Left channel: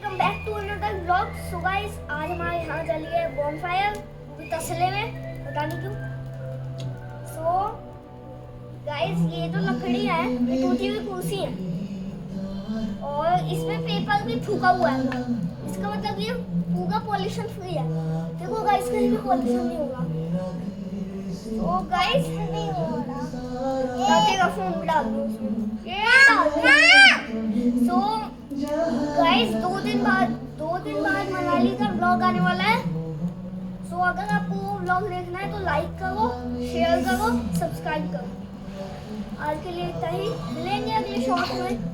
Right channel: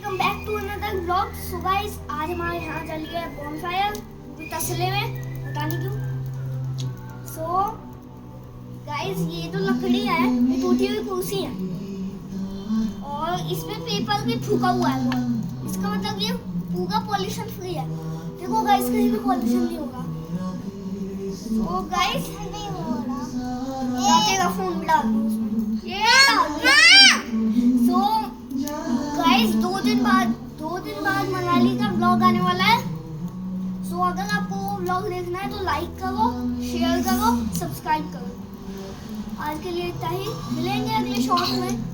Welcome back to another vlog. So guys, आज हमारे यहाँ जल गया बॉनफायर, वो भी तसले में, पता नहीं क्यों। सो गाइस, ये जो लकड़ी है ये टूटी हुई कुर्सी है और इसमें पेपर भी फूका हुआ है। इसका मतलब ये पूरा पॉल्यूशन फ्री है। देखो गाइस, कहीं भी पॉल्यूशन नहीं होगा। सो गाइस, तेरा फोन भी डाल दो उसमें। सो गाइस, दो दिन बाद मनाली का व्लॉग आने वाला है। सो अगर आपको वो व्लॉग देखना है तो लाइक करो, शेयर करो, सब्सक्राइब करो। आज के लिए इतना ही, मिलेंगे अगले शॉर्ट में।